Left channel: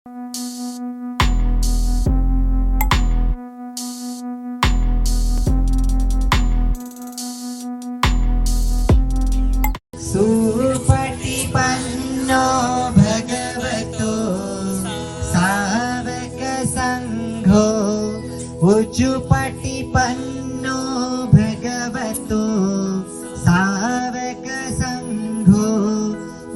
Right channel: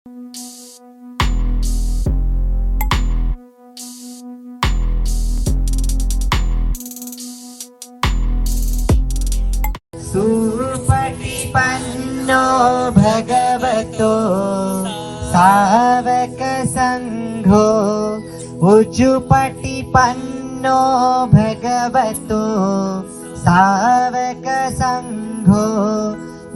सुपटिपन्नो भगवतो सावक संघो उजुपटिपन्नो भगवतो सावक संघो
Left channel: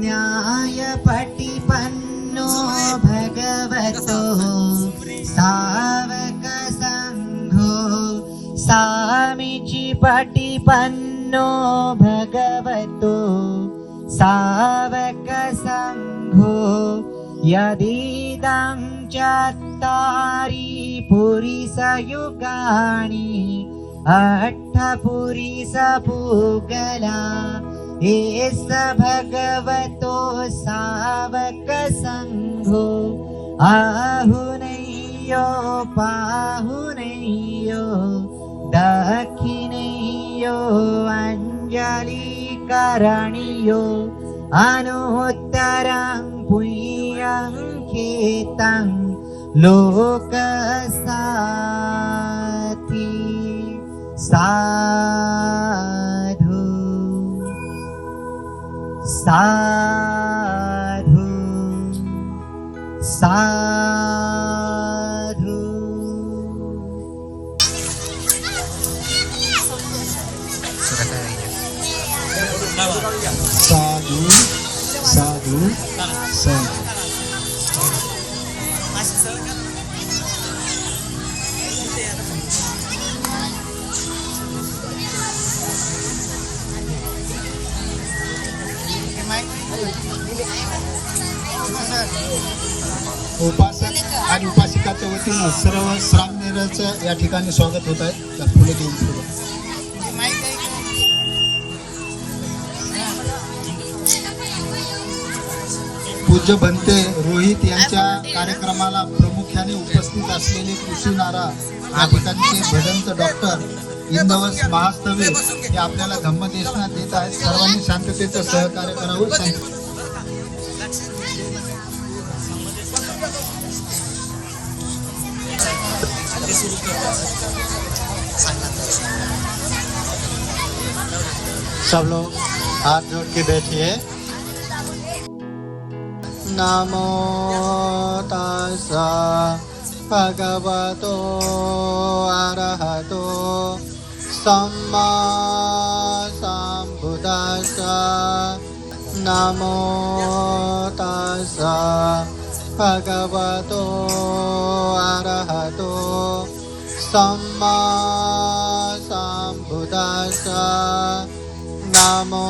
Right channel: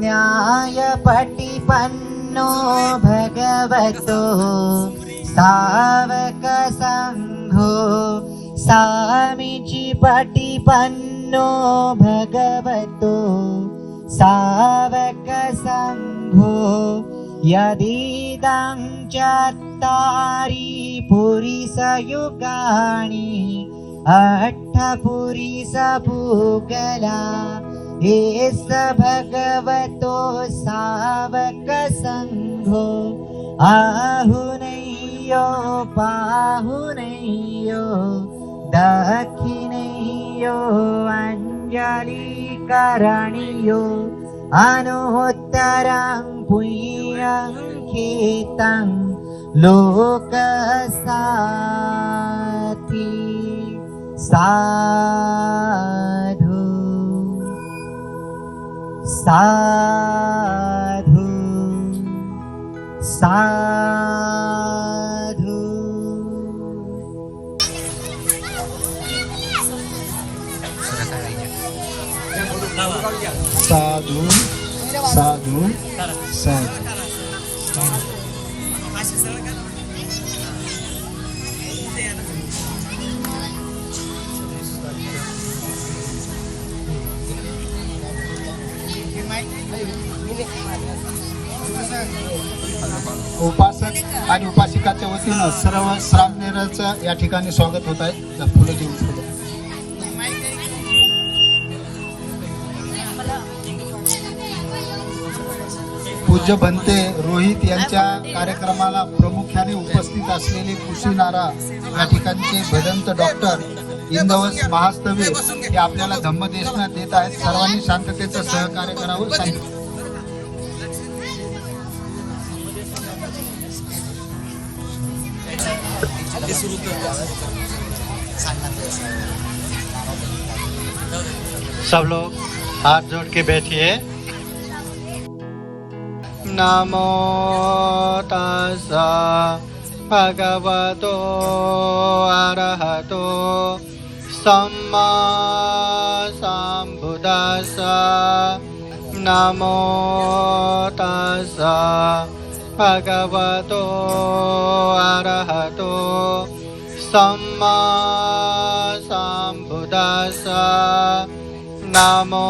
न्यायपटिपन्नो भगवतो सावक संघो सामीचिपटिपन्नो भगवतो सावक संघो यदीदं चत्तारि पुरिसयुगानि अट्ठपुरिसपूगला एष भगवतो सावक संघो आहुनैयो पाहुनैयो दक्षिणैयो अंजलिकरणीयो अनुत्तरं पुण्यं कीर्तं लोकसाति साधु साधु साधु। साधु साधु साधु। उपासक आणि उपासिकाच्या वतीनं सर्व श्रामनेराचं या ठिकाणी स्वागत होत आहे. फुले देऊन पूज्य भंते रोहित यांच्या कार्यक्रमाला प्रामुख्याने उपस्थित असलेले कृषीनारा या ठिकाणचे भदंत डॉक्टर इंदवस महास्तवे हे आपल्याला धम्मदेशना देत आहेत. सर्वांनी शांततेचं सहकार्य करावं सांगितलं. सब लोग हाथ जोड़ के बैठिए। नमो तस्सा भगवतो अरहतो सम्मा सम्बुद्धास्सा। नमो तस्सा भगवतो अरहतो सम्मा सम्बुद्धास्सा। नमो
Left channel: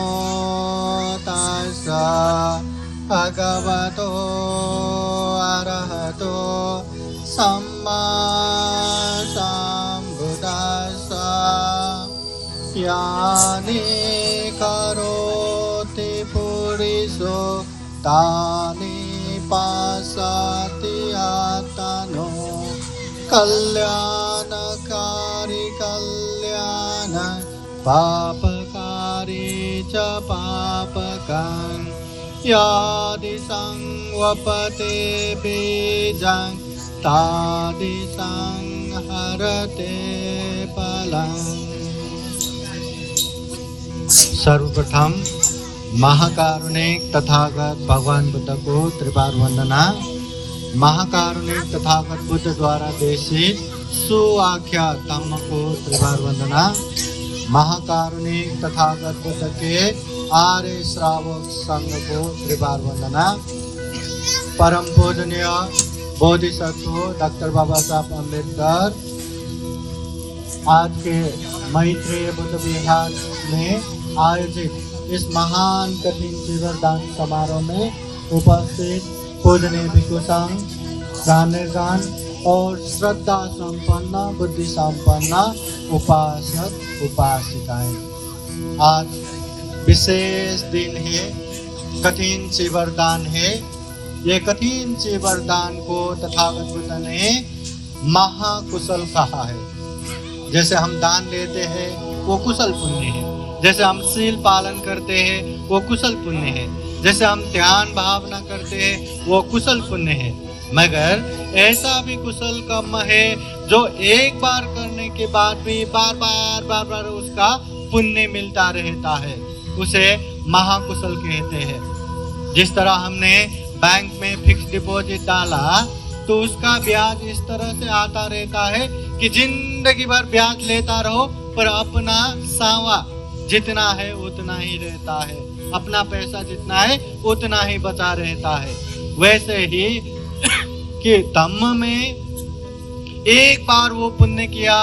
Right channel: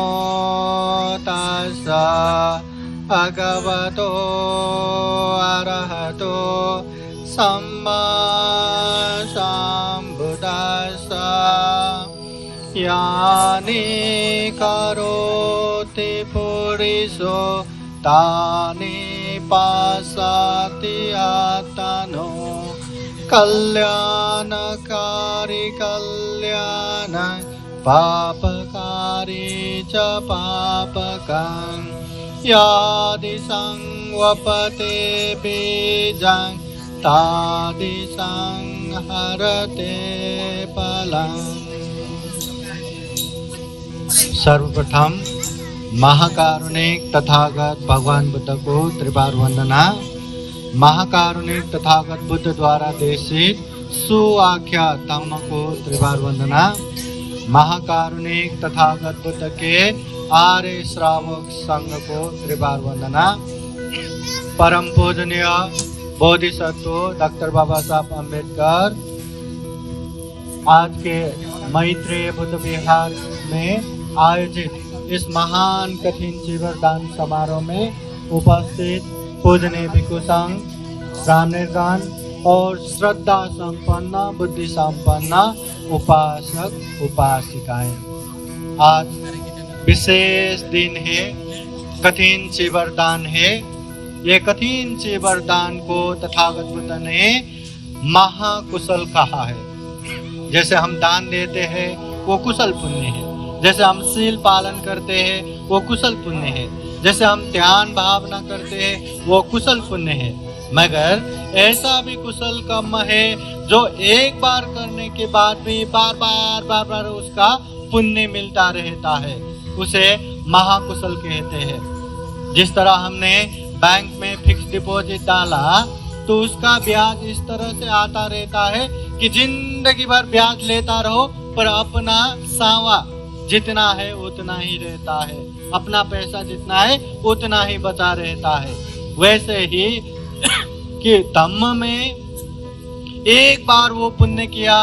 तस्सा भगवतो अरहतो सम्मा सम्बुद्धास्सा। यानि करोति पुरुषो तानि पासाति आत्मनो कल्याणकारी कल्याण पापकारी च पापकं यादिशं वपते बीजं तादिशं हरते फलम्। सर्वप्रथम महाकारुणिक तथागत भगवान बुद्ध को त्रिबार वंदना। महाकारुणिक तथागत बुद्ध द्वारा देशित सुआख्या धम्म को त्रिबार वंदना। महाकारुणिक तथागत बुद्ध के आर्य श्रावक संघ को त्रिबार वंदना। परम पूजनीय बोधिसत्व डॉक्टर बाबा साहब अम्बेडकर आज के मैत्रेय बुद्ध विहार में आयोजित इस महान कठिन जीवन दान समारोह में उपस्थित पूजनीय भिक्षु संघ, ज्ञानदान और श्रद्धा संपन्न बुद्धि संपन्न उपासक उपासिकाएं, आज विशेष दिन है, कठिन चीवरदान है। ये कठिन चीवरदान को तथागत बुद्ध ने महाकुशल कहा है। जैसे हम दान देते हैं वो कुशल पुण्य है, जैसे हम शील पालन करते हैं वो कुशल पुण्य है, जैसे हम ध्यान भावना करते हैं वो कुशल पुण्य है। मगर ऐसा भी कुशल कर्म है जो एक बार करने के बाद भी बार बार उसका पुण्य मिलता रहता है, उसे महाकुशल कहते हैं। जिस तरह हमने बैंक में फिक्स डिपॉजिट डाला तो उसका ब्याज इस तरह से आता रहता है कि जिंदगी भर ब्याज लेता रहो, पर अपना सावा जितना है उतना ही रहता है, अपना पैसा जितना है उतना ही बचा रहता है। वैसे ही कि धम्म में एक बार वो पुण्य किया,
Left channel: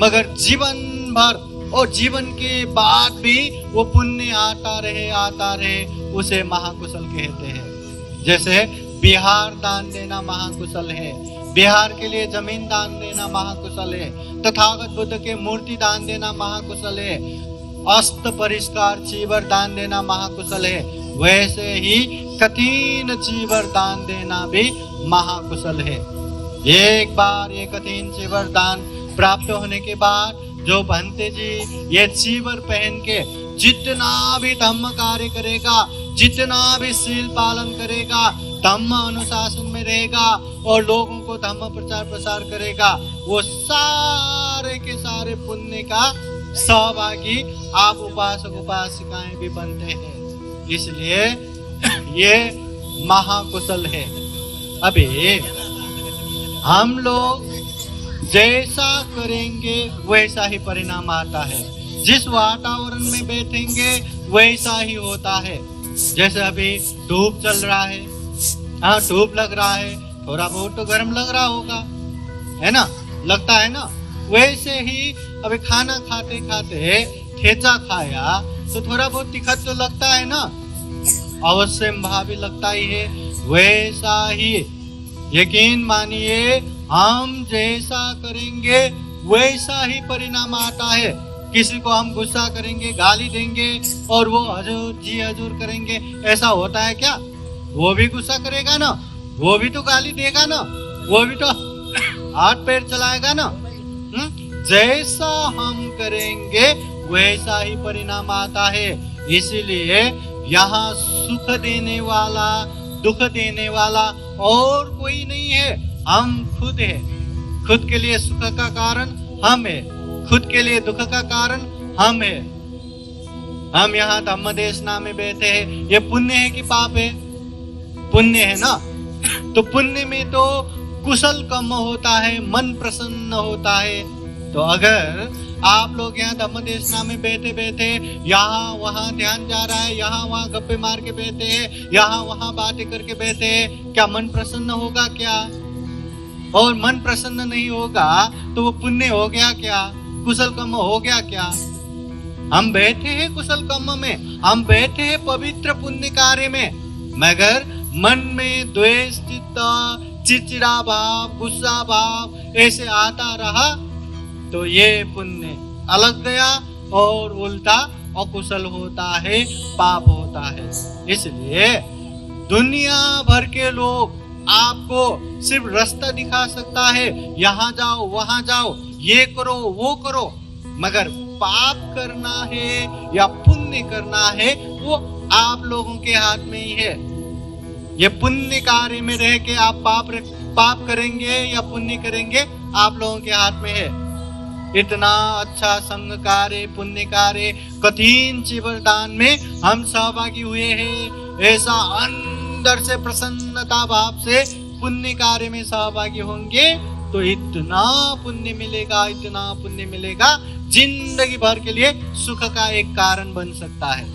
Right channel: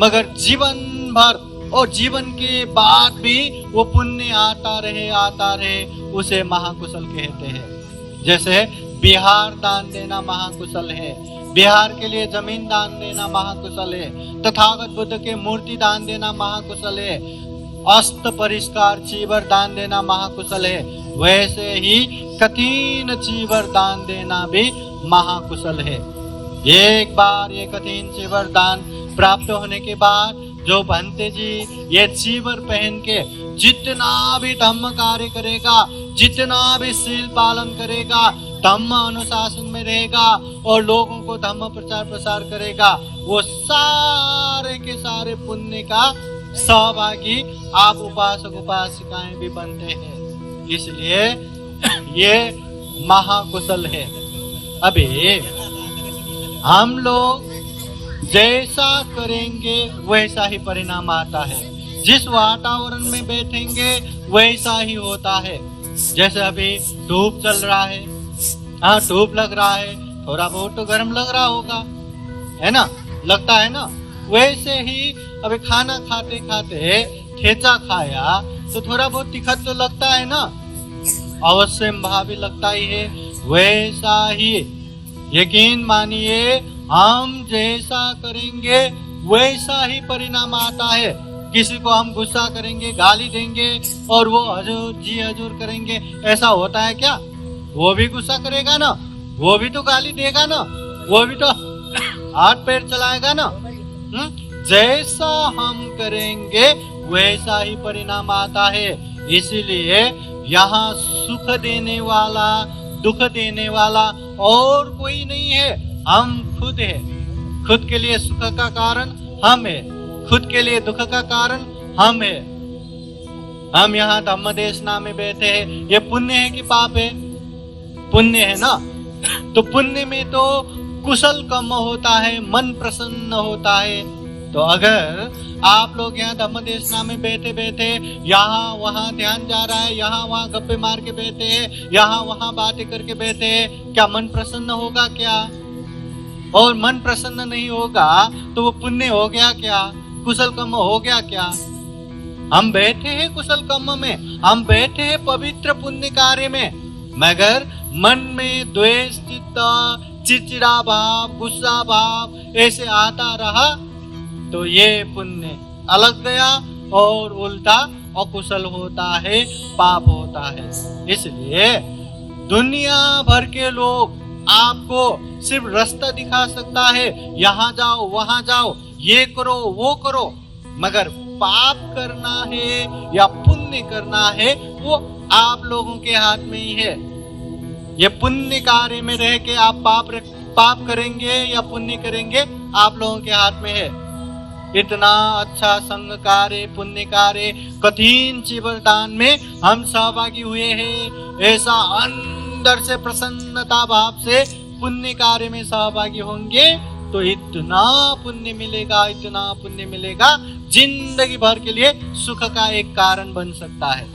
मगर जीवन भर और जीवन के बाद भी वो पुण्य आता रहे, उसे महाकुशल कहते हैं। जैसे बिहार दान देना महाकुशल है, बिहार के लिए जमीन दान देना महाकुशल है, तथागत बुद्ध के मूर्ति दान देना महाकुशल है, अस्त परिष्कार चीवर दान देना महाकुशल है। वैसे ही कठिन चीवर दान देना भी महाकुशल है। एक बार ये कठिन चीवर दान प्राप्त होने के बाद जो भंते जी ये चीवर पहन के जितना भी धम्म कार्य करेगा, जितना भी शील पालन करेगा, धम्म अनुशासन में रहेगा और लोगों को धम्म प्रचार प्रसार करेगा, वो सारे के सारे पुण्य का सहभागी आप उपासक उपासिकाएं भी बनते हैं। इसलिए ये महाकुशल है। अभी हम लोग जैसा करेंगे वैसा ही परिणाम आता है, जिस वातावरण में बैठेंगे वैसा ही होता है। जैसे अभी धूप चल रहा है, हाँ धूप लग रहा है, थोड़ा बहुत तो गर्म लग रहा होगा, है ना, लगता है ना। वैसे ही अभी खाना खाते खाते ठेचा खाया तो थोड़ा बहुत तीखा तो लगता है ना, अवश्य भावी लगता ही है। वैसा ही यकीन मानिए, हम जैसा करेंगे वैसा ही परिणाम आता है। किसी को हम गुस्सा करेंगे, गाली देंगे और वो हजूर जी हजूर करेंगे, ऐसा होता है क्या? वो भी गुस्सा करेगा ना, वो भी तो गाली देगा ना, वो भी तो हाथ पैर चलाएगा ना। जैसा हम करेंगे वैसा ही परिणाम आता है। इसीलिए यहाँ सुख देने वाला, दुख देने वाला और कोई नहीं है, हम खुद है। खुद के लिए सुख का कारण हम है, खुद के लिए दुख का कारण हम है। हम यहाँ धम्म देशना में बैठे हैं, ये पुण्य है कि पाप है? पुण्य है ना। तो पुण्य में तो कुशल कर्म होता है, मन प्रसन्न होता है। तो अगर आप लोग यहाँ धम्म देशना में बैठे बैठे यहाँ वहाँ ध्यान जा रहा है, यहाँ वहाँ गप्पे मार के बैठे हैं, यहाँ वहाँ बातें करके बैठे हैं, क्या मन प्रसन्न होगा क्या? और मन प्रसन्न नहीं होगा तो वो पुण्य हो गया क्या? कुशल कर्म हो गया क्या? हम बैठे हैं कुशल कर्म में, हम बैठे हैं पवित्र पुण्य कार्य में, मगर मन में द्वेष, चिड़चिड़ा भाव, गुस्सा भाव ऐसे आता रहा तो ये पुण्य अलग गया और उल्टा अकुशल होता है, पाप होता है। इसलिए दुनिया भर के लोग आपको सिर्फ रास्ता दिखा सकता है, यहाँ जाओ वहाँ जाओ, ये करो वो करो, मगर पाप करना है या पुण्य करना है वो आप लोगों के हाथ में ही है। ये पुण्य कार्य में रह के आप पाप करेंगे या पुण्य करेंगे आप लोगों के हाथ में है। इतना अच्छा संग कार्य, पुण्य कार्य, कठिन चीवरदान में हम सहभागी हुए हैं, ऐसा अंदर से प्रसन्नता भाव से पुण्य कार्य में सहभागी होंगे तो इतना पुण्य मिलेगा, इतना पुण्य मिलेगा, जिंदगी भर के लिए सुख का एक कारण बन सकता है।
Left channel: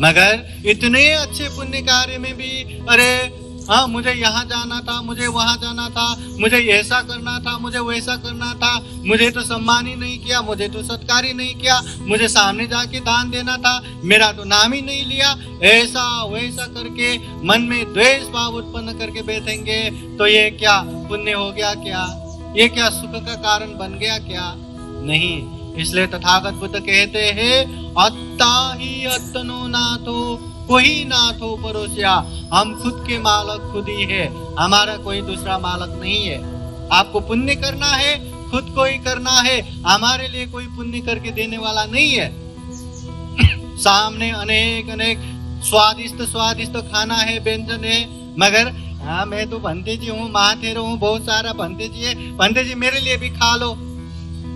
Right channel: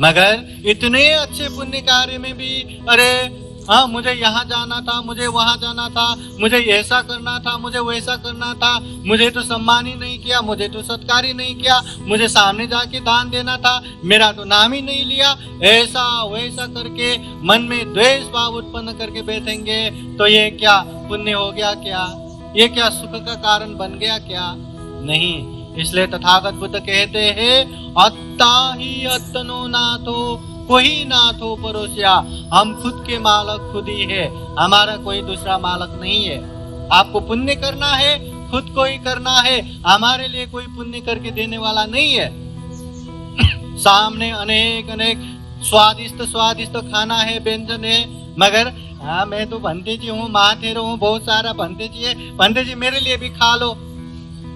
मगर इतने अच्छे पुण्य कार्य में भी अरे हाँ मुझे यहाँ जाना था, मुझे वहाँ जाना था, मुझे ऐसा करना था, मुझे वैसा करना था, मुझे तो सम्मान ही नहीं किया, मुझे तो सत्कार ही नहीं किया, मुझे सामने जाके दान देना था, मेरा तो नाम ही नहीं लिया, ऐसा वैसा करके मन में द्वेष भाव उत्पन्न करके बैठेंगे तो ये क्या पुण्य हो गया क्या? ये क्या सुख का कारण बन गया क्या? नहीं। इसलिए तथागत बुद्ध कहते हैं अत्ता ही अत्तनो नाथो, कोई नाथ हो परोसिया। हम खुद के मालक खुद ही है, हमारा कोई दूसरा मालक नहीं है। आपको पुण्य करना है खुद को ही करना है, हमारे लिए कोई पुण्य करके देने वाला नहीं है। सामने अनेक अनेक स्वादिष्ट स्वादिष्ट खाना है, व्यंजन है, मगर हाँ मैं तो भंते जी हूँ, महाथेरो हूँ, बहुत सारा भंते जी है, भंते जी मेरे लिए भी खा लो,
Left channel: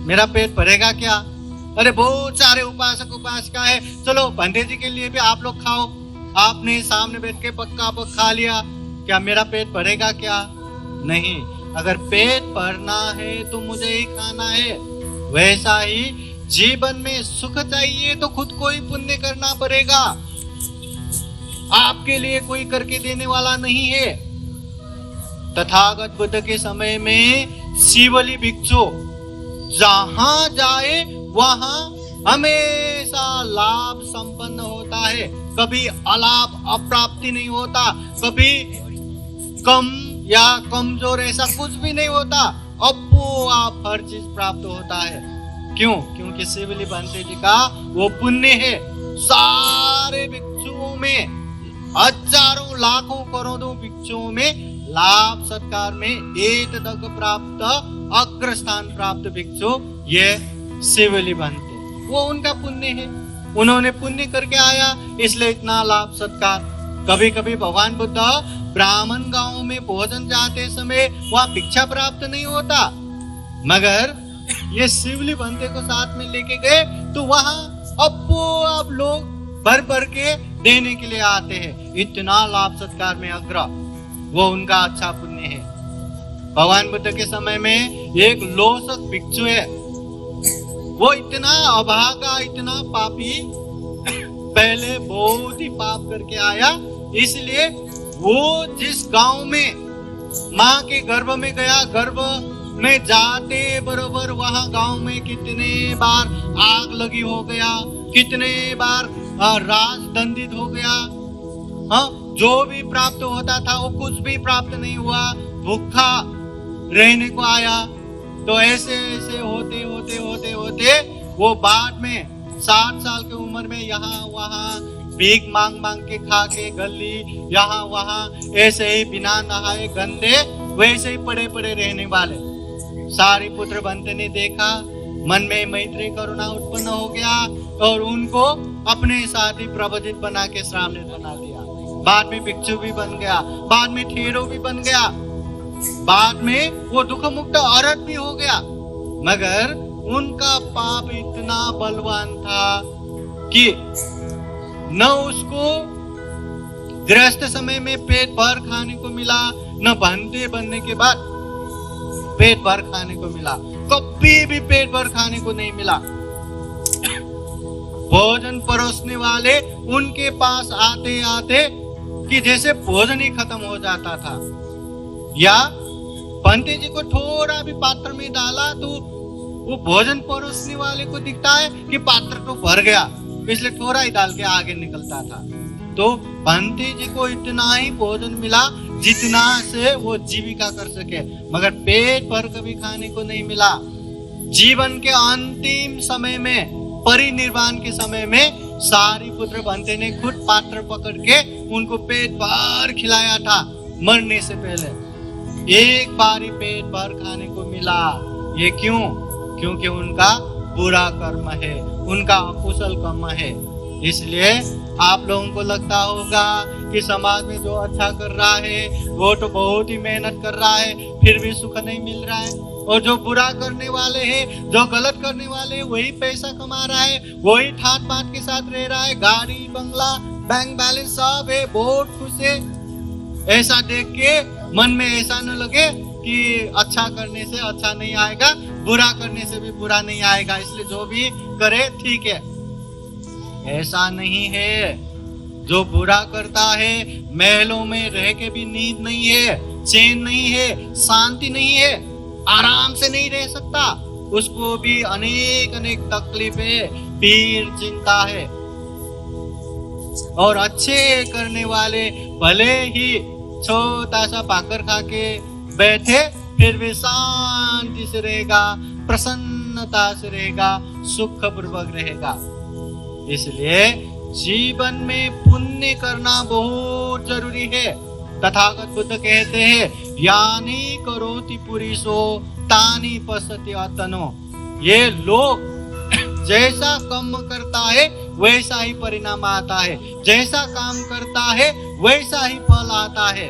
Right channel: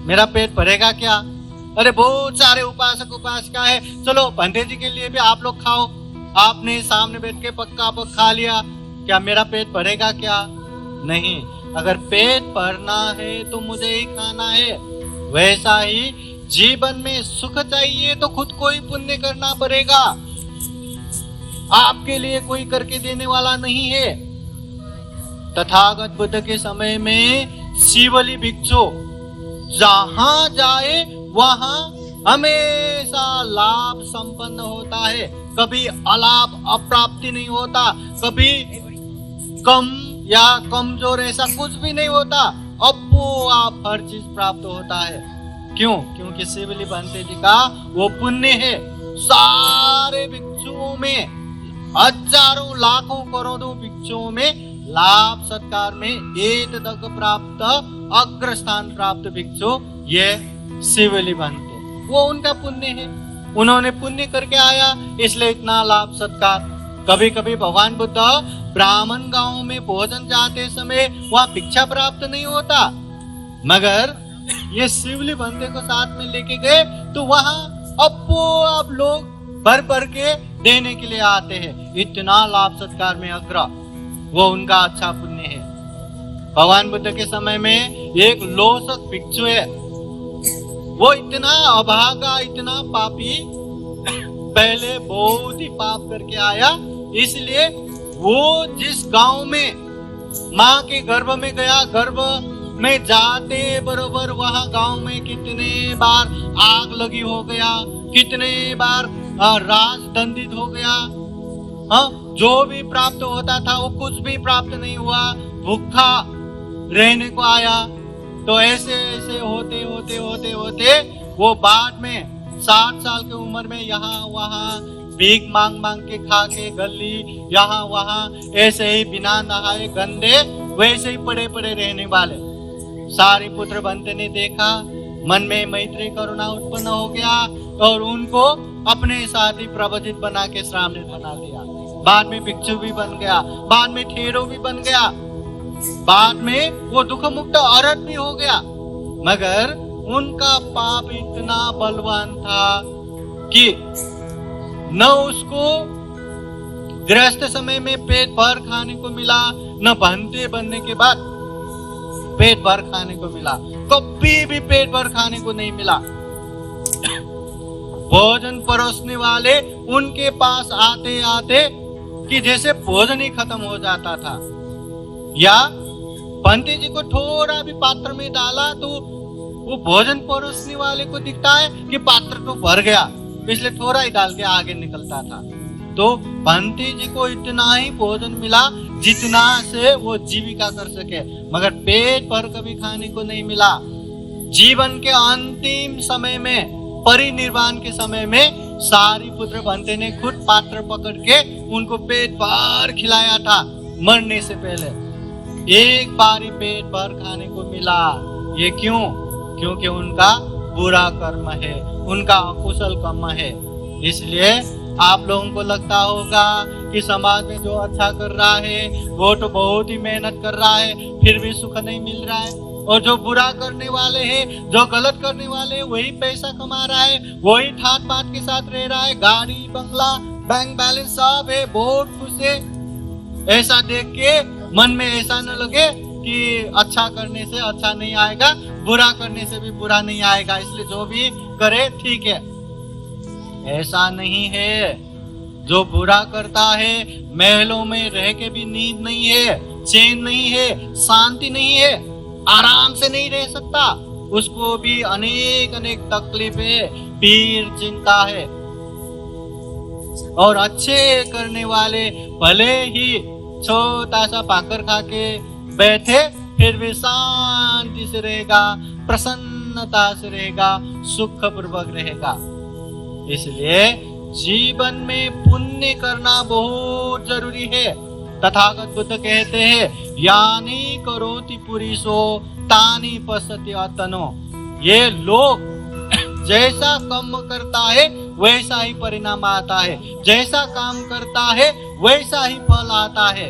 मेरा पेट भरेगा क्या? अरे बहुत सारे उपासक उपासिका है, चलो भंते जी के लिए भी आप लोग खाओ। आपने सामने बैठ के पक्का पक खा लिया, क्या मेरा पेट भरेगा क्या? नहीं, अगर पेट भरना है तो मुझे ही खाना है। वैसा ही जीवन में सुख चाहिए तो खुद को ही पुण्य करना पड़ेगा, आपके लिए कोई करके देने वाला नहीं है। तथागत बुद्ध के समय में शिवली भिक्षु जहां जाए वहां हमेशा लाभ संपन्न होता है, कभी अलाभ अप्राप्ति नहीं होता, कभी कम या कमजोर ऐसा कुछ भी नहीं होता, अपो आप हर चीज प्राप्त होता है। क्यों? क्योंकि शिवली भंते जी का वो पुण्य है। सारे भिक्षुओं में, हजारों लाखों करोड़ों भिक्षुओं में लाभ सत्कार में एक तक प्राप्त अग्र स्थान प्राप्त भिक्षु ये शिवली भंते, वो उनका पुण्य है, उन्होंने पुण्य करके आया इसलिए इतना लाभ सत्कार। कभी कभी भगवान बुद्ध ब्राह्मण गांव में भोजन जाते समय वहां भिक्षा प्राप्त नहीं होता, मगर ये शिवली भंते को साथ में लेके गए तो वहां अपो आप लोग भर भर के देने के लिए आते हैं। इतना लाभ सत्कार में अग्र, वो उनका अच्छा पुण्य है। भगवान बुद्ध के समय में एक लोसक भिक्षु है, वो इतना अभागा, इतना पापी, पहले बहुत ही पाप करके आया, इसलिए वो जिस गांव में माँ के गर्भ में गया, गर्भ में जाते बरोबर वहां गांव में कितने बार आग लगी हो गया, कितने बार राज दंडित हो गया, हाँ, जो भी प्राप्त होता था वो कुछ भी प्राप्त नहीं हुआ, भूखा रहने को आया। तो ऐसे ऐसे होते होते होते होते वो बाद में 60 साल की उम्र में यहाँ वहाँ भीख मांग मांग के खा के गली यहाँ वहाँ ऐसे ही बिना नहाए गंदे वैसे ही पड़े पड़े रहने वाले। सारिपुत्र भंते ने देखा, मन में मैत्री करुणा उत्पन्न हो गया और उनको अपने साथ ही प्रबोधित बना के श्रामणेर बना दिया। बाद में भिक्षु भी बन गया, बाद में ठेरो भी बन गया, बाद में वो दुख मुक्त औरत भी हो गया, मगर उनका पाप इतना बलवान था कि न उसको गृहस्थ समय में पेट भर खाने को मिला, न भंते बनने के बाद पेट भर खाने को मिला, कभी भी पेट भर खाने को नहीं मिला। भोजन परोसने वाले उनके पास आते आते कि जैसे भोजन ही खत्म हो जाता था, या भंते जी को थोड़ा भी पात्र में डाला तो वो भोजन परोसने वाले को दिखता है कि पात्र तो भर गया, इसलिए थोड़ा ही डाल के आगे निकलता था। तो भंते जी को इतना ही भोजन मिला जितना से वो जीविका कर सके, मगर पेट भर कभी खाने को नहीं मिला। जीवन के अंतिम समय में, परिनिर्वाण के समय में सारिपुत्र भंते ने खुद पात्र पकड़ के उनको पेट भर खिलाया था। मरने से पहले एक बार ही पेट भर खाने को मिला। ये क्यों? क्योंकि उनका बुरा कर्म है, उनका अकुशल कर्म है। इसलिए आप लोगों को लगता होगा कि समाज में जो अच्छा कर रहा है वो तो बहुत ही मेहनत कर रहा है, फिर भी सुख नहीं मिल रहा है, और जो बुरा करने वाले हैं, जो गलत करने वाले हैं, वही पैसा कमा रहा है, वही ठाट बाट के साथ रह रहा है, गाड़ी बंगला बैंक बैलेंस सब है, बहुत खुश है। ऐसा देख के मन में ऐसा न लगे कि अच्छा करने से अच्छा नहीं आएगा, बुरा करने से भी बुरा नहीं आएगा, इसलिए जो भी करे ठीक है। ऐसा नहीं है। जो बुरा करता है महलों में रह के भी नींद नहीं है, चैन नहीं है, शांति नहीं है, आराम से नहीं रह सकता, उसको भी अनेक अनेक तकलीफें, पीर, चिंता है। और अच्छे करने वाले भले ही छोटा सा भाकर खा के बैठे फिर भी शांति से रहेगा, प्रसन्नता से रहेगा, सुख पूर्वक रहेगा। इसलिए जीवन में पुण्य करना बहुत जरूरी है। तथागत बुद्ध कहते हैं, यानी करोति पुरुषो तानी पश्यति आत्मनो। ये लोग जैसा कर्म करता है वैसा ही परिणाम आता है, जैसा काम करता है वैसा ही फल आता है।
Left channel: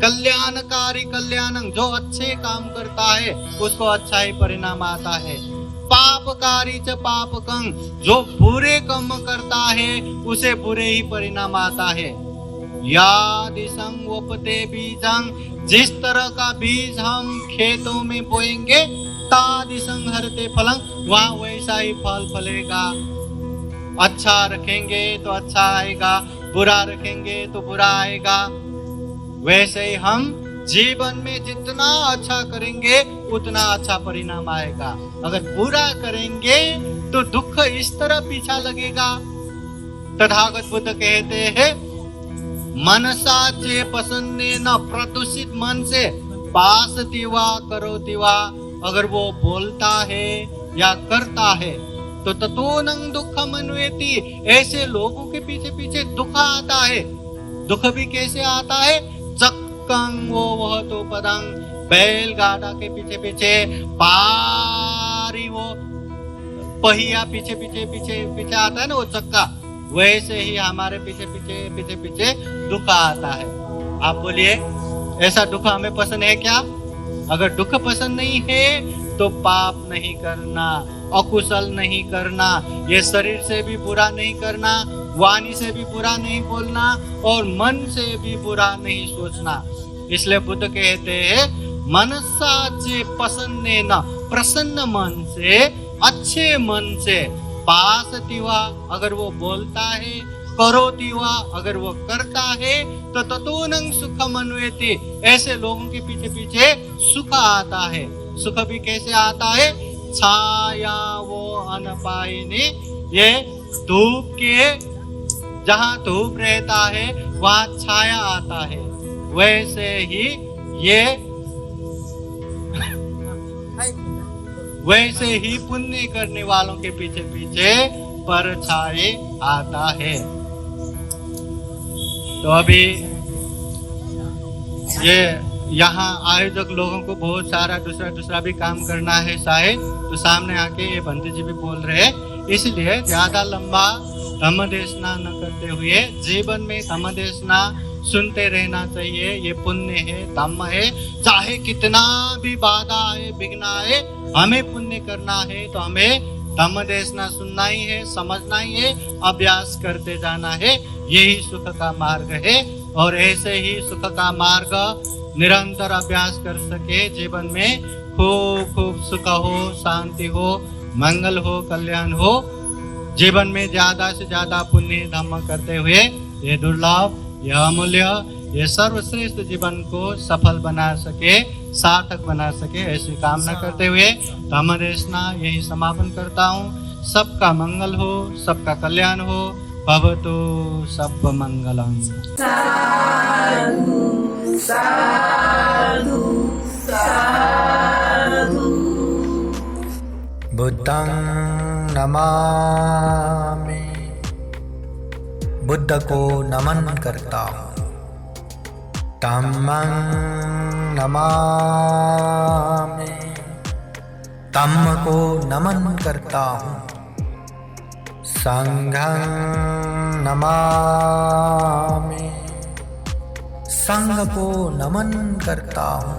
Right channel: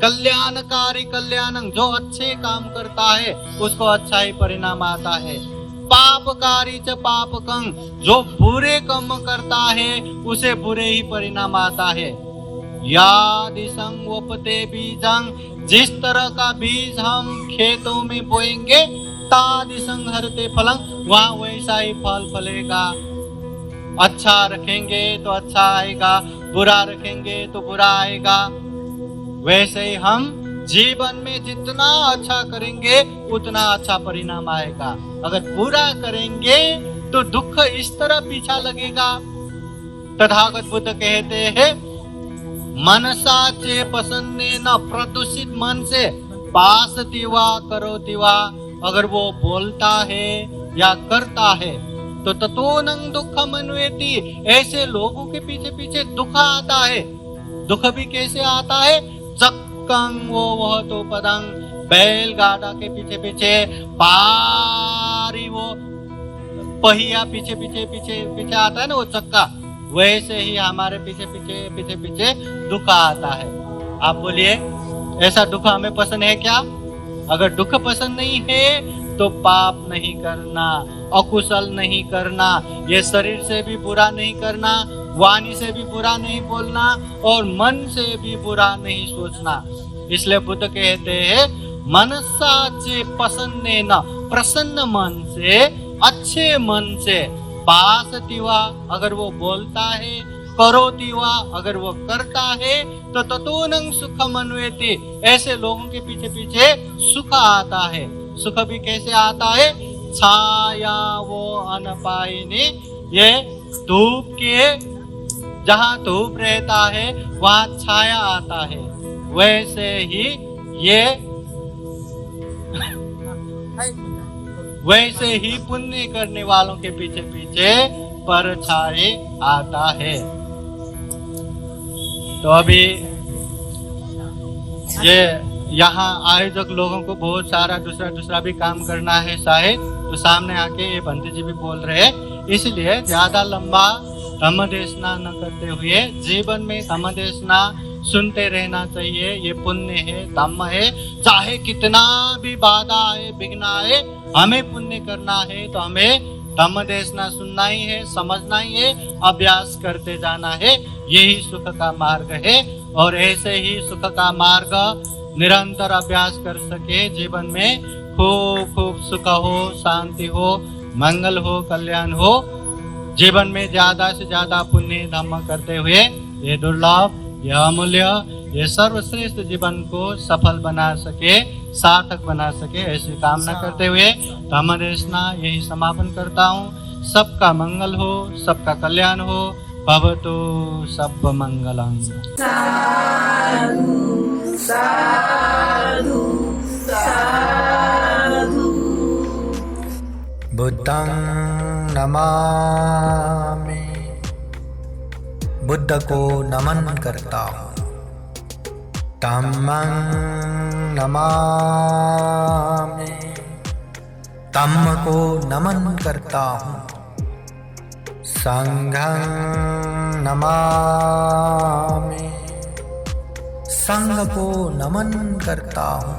कल्याणकारी कल्याणं, जो अच्छे काम करता है उसको अच्छा ही परिणाम आता है। पापकारी च पापकं, जो बुरे कर्म करता है उसे बुरे ही परिणाम आता है। यादिशं वपते बीजं, जिस तरह का बीज हम खेतों में बोएंगे तादिशं हरते फलं, वहाँ वैसा ही फल फलेगा। अच्छा रखेंगे तो अच्छा आएगा, बुरा रखेंगे तो बुरा आएगा। वैसे ही हम जीवन में जितना अच्छा करेंगे उतना अच्छा परिणाम आएगा। अगर बुरा करेंगे तो दुख इस तरह पीछा लगेगा। तथागत बुद्ध कहते हैं, मनसा चे पसंदे न, प्रदूषित मन से पासती वा करोति वा, अगर वो बोलता है या करता है तो ततोनं दुखम अन्वेति, ऐसे लोगों के पीछे पीछे दुख आता है। दुख भी कैसे आता है? चक्कं वो वह तो पदंग, बैलगाड़ा के पीछे पीछे पारी, वो पहिया पीछे पीछे पीछे पीछे आता है ना, वो चक्का, वैसे ही हमारे पीछे पीछे पीछे पीछे दुख आता है। आप बोलिए, ऐसा दुख हमें पसंद है क्या? अगर दुख पसंद नहीं है तो पाप नहीं करना, अकुशल नहीं करना, ये शरीर से भी बुरा नहीं करना, वाणी से भी बुरा नहीं बोलना और मन से भी बुरा नहीं सोचना। इसलिए बुद्ध कहते हैं, मनसा चे पसन्ने न, प्रसन्न मन से, अच्छे मन से, पासति वा, अगर वो बोलता है, करोति वा, अगर वो करता है, तो ततोनं सुखम अन्वेति, ऐसे लोगों के पीछे पीछे सुख आता है। सुख भी कैसे आता है? छाया वो अनपायिनी, ये धूप के, जहाँ धूप रहता है वहाँ छाया आता है, वैसे ही ये वैसे ही पुण्य करने वालों के पीछे पीछे परछाई आता है। तो अभी ये यहाँ आयोजक लोगों को बहुत सारा दूसरा भी काम करना है शायद, तो सामने आके ये बंटी जी भी बोल रहे हैं, इसलिए ज्यादा लंबा धम्म देशना न करते हुए जीवन में धम्म देशना सुनते रहना चाहिए। ये पुण्य है, धम्म है, चाहे कितना भी बाधा आए, विघ्न आए, हमें पुण्य करना है तो हमें धम्म देशना सुनना ही है, समझना ही है, अभ्यास करते जाना है। यही सुख का मार्ग है और ऐसे ही सुख का मार्ग निरंतर अभ्यास कर सके, जीवन में खूब खूब सुख हो, शांति हो, मंगल हो, कल्याण हो, जीवन में ज्यादा से ज्यादा पुण्य धम्म करते हुए ये दुर्लभ, यह अमूल्य, ये सर्वश्रेष्ठ जीवन को सफल बना सके, सार्थक बना सके, ऐसी कामना करते हुए धम्म देशना यही समापन करता हूँ। सबका मंगल हो, सबका कल्याण हो, भवतु सब मंगलम। साधु साधु साधु। बुद्धं नमामि, बुद्ध को नमन करता हूँ। धम्मं नमामि, धम्म को नमन करता हूँ। संघं नमामि, संघ को नमन करता हूँ।